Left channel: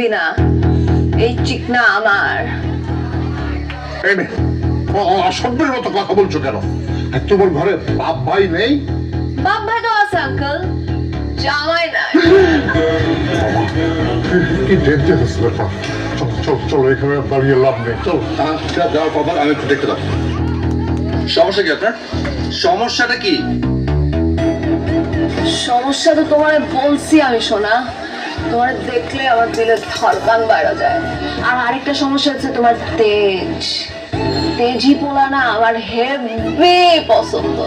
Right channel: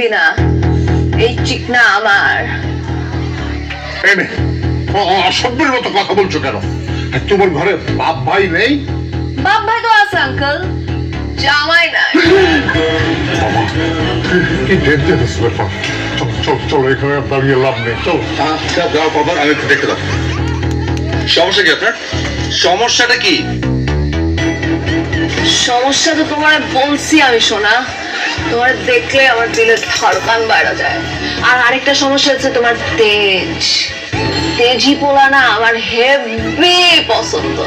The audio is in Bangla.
দিবি না, এই চিকনা আমার। অসভ্যের মতো কথা বলছো কেন? তোমার ঘরে বাপ ভাই নেই? বাপ ভাই তো আছে আঙ্কেল, জামাই নাই। কি ডেঞ্জারাস ব্যাপার। চলো চলো চলো, এখানে দাঁড়িয়ে লাভ নেই, চলো। যাওয়ার পর আমি একটু দেখতে পাচ্ছি। সমস্যা কি আপনার? সমস্যাটা কি? সমস্যা তো তোমার বলছি আমি, শোনা। তোমার দেখলে আমার দিলের ধড়কান বাইরে যায়। আর আরেকটা সমস্যা হচ্ছে তোমার তেজ। তেজি পোলা না আমার হেভি পছন্দ।